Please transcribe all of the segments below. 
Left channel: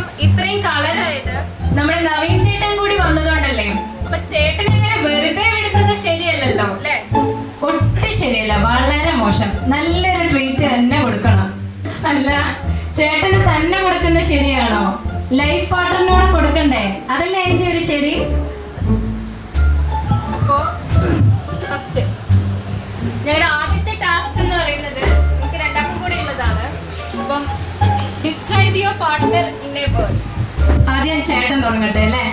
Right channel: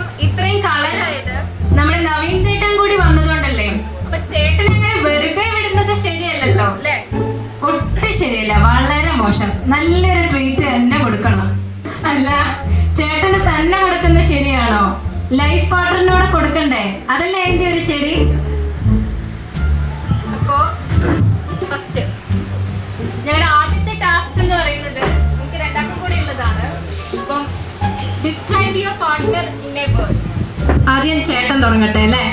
മുഖം ഇത്രയും കളറായത് നമ്മുടെ നവീൻ ചേട്ടൻ കൂടി വന്നതുകൊണ്ടല്ലേ? അപ്പൊ ചേട്ടനെ വെറുതെ വിടുന്നത് ശരിയല്ലല്ലോ അല്ലേ? ഒട്ടും ശരിയല്ല, വളരെ മോശം. നല്ലൊരു ട്രീറ്റ് തന്നെ കൊടുക്കണം. അല്ല, ചേട്ടന് തന്നെ കൊടുക്കുന്നത് ശരിയാണോ? ലൈഫ് പാർട്ട്ണറിനോട് കൊടുക്കണ്ടേ? അതല്ലേ അതിന്റെ ഒരു ശരി. അപ്പോ ഫസ്റ്റ് ഞങ്ങളുടെ ആദ്യത്തെ ടാസ്ക് എന്ന് പറയുന്നത് നമുക്ക് രണ്ടാക്കും കൂടി ഉള്ളതാണ്. അപ്പം describe your partner in A word. ആദ്യം ചേട്ടൻ തുടങ്ങട്ടെ അല്ലേ?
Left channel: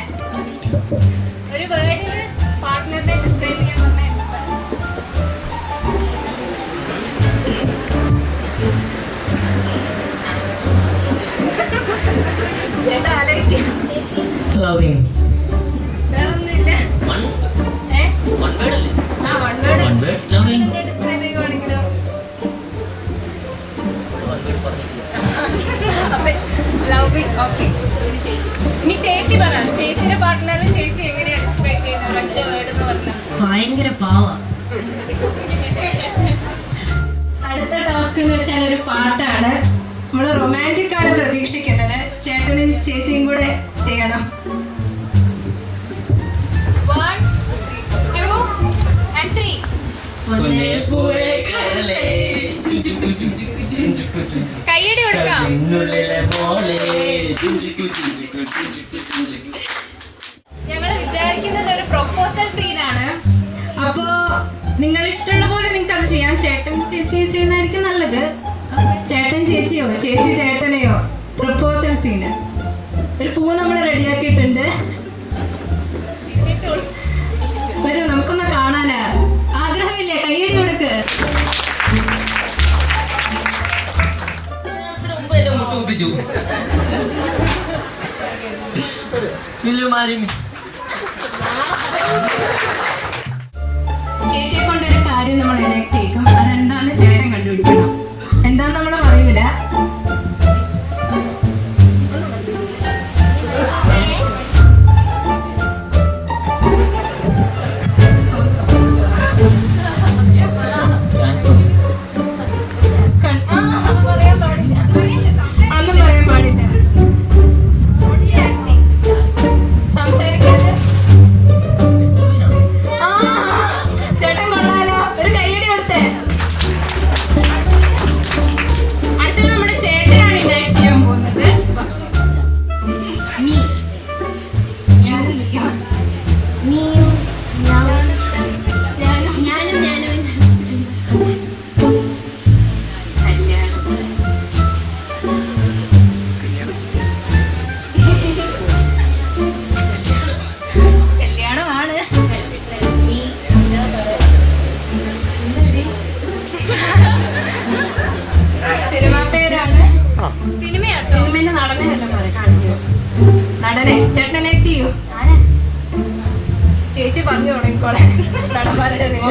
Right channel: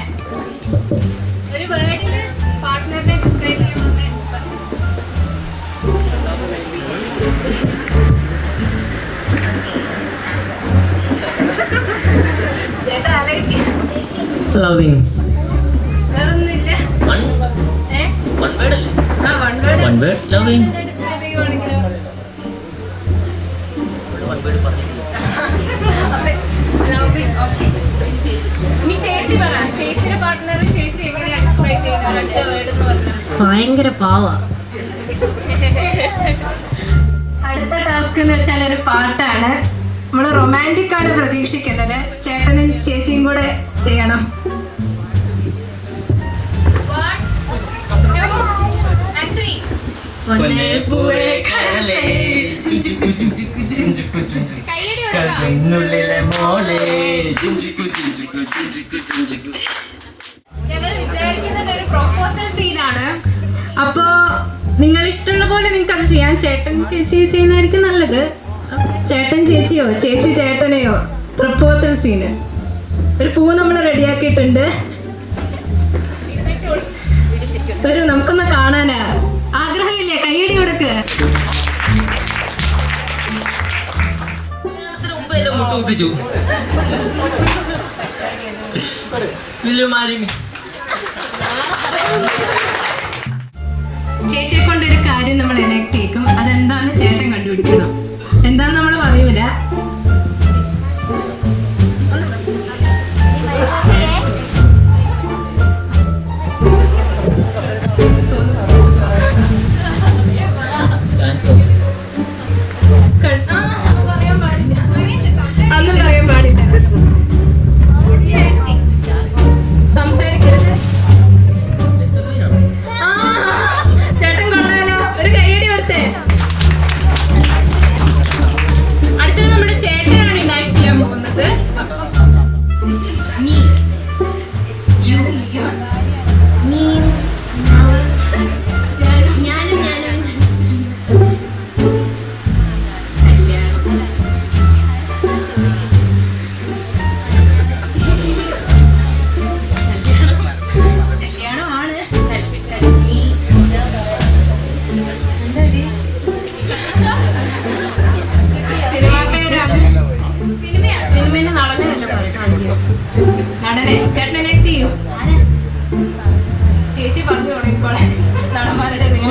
ഒരു വേർഡിൽ പാർട്ട്ണറിനെ ഡിസ്ക്രൈബ് ചെയ്യാൻ പറഞ്ഞേ. ചേട്ടാ ആലോചിക്കും. Loving. വേറൊന്നുമില്ല. One word. ആ one word. One word. Loving. Describe ചെയ്യുവാണെങ്കിലോ? ലവിങ്. ഓക്കെ. ഇനി ചേച്ചി പറ, ചേച്ചിയുടെ പാർട്ട്ണർ ചേച്ചി എങ്ങനെയാണ് ഡിസ്ക്രൈബ് ചെയ്യുന്നത്? ഒരൊറ്റ വേർഡ് എന്ന് പറഞ്ഞാൽ. ഭയങ്കര പാവ. അടുത്ത ടാസ്ക് എന്ന് വെച്ചാൽ ഒരു പാട്ടാണ്. നമ്മൾ റൊമാൻറ്റിക് ആണ് പ്രതീക്ഷിക്കുന്നത്. ചേട്ടനും ചേച്ചിയും കൂടെ ചെയ്യണം. 1, 2 and 3. കയ്യടി കൊടുക്കാം. ഞങ്ങൾ വിചാരിക്കുന്നത് ഒരു പ്രൊപ്പോസൽ സീനാണ്. അപ്പോ നിങ്ങൾ ഇഷ്ടമുള്ള പോലെ നിങ്ങൾക്ക് അത് ചെയ്യാൻ. ചേട്ടൻ ചേച്ചി ചെയ്യുന്നതായിരിക്കും നല്ലത്. ചേട്ടൻ ചേച്ചിയോ ചേച്ചി ചേട്ടനെയോ പ്രപ്പോസൽ സീന്. ഒരു പൂ നമ്മൾ റെഡിയാക്കിയിട്ടുണ്ട്. വരൂ, നമുക്കൊന്ന് കാണാനാ. ആഗ്രഹമില്ല? കയ്യടി കൊടുക്ക്. ചേച്ചിയെ കൊണ്ടൊരു കാര്യം നമ്മൾ എനക്ട് ചെയ്യും. അതെന്താന്ന് ചേട്ടൻ കണ്ടുപിടിക്കണം. എന്താന്ന് നമ്മൾ പറയൂല. അന്ന് പറയാൻ പാടില്ല. സംസാരിക്കരുത്. ചേട്ടൻ കൊള്ളാലോ. ഒരു കയ്യടി കൊടുത്തേ. അടുത്തത് നമ്മുടെ ചേട്ടനാണ് ഇനാക്ട് ചെയ്യാൻ പോകുന്നത്. കല്യാണമാണ്. സിനിമാ പേരാണ്. സിനിമേന്റെ നടനെ നടനെ ചേട്ടനെ എക്ട് ചെയ്യൂ. ചേച്ചി പറഞ്ഞു തുടങ്ങിക്കോളെ നടന്മാരുടെ പേര്.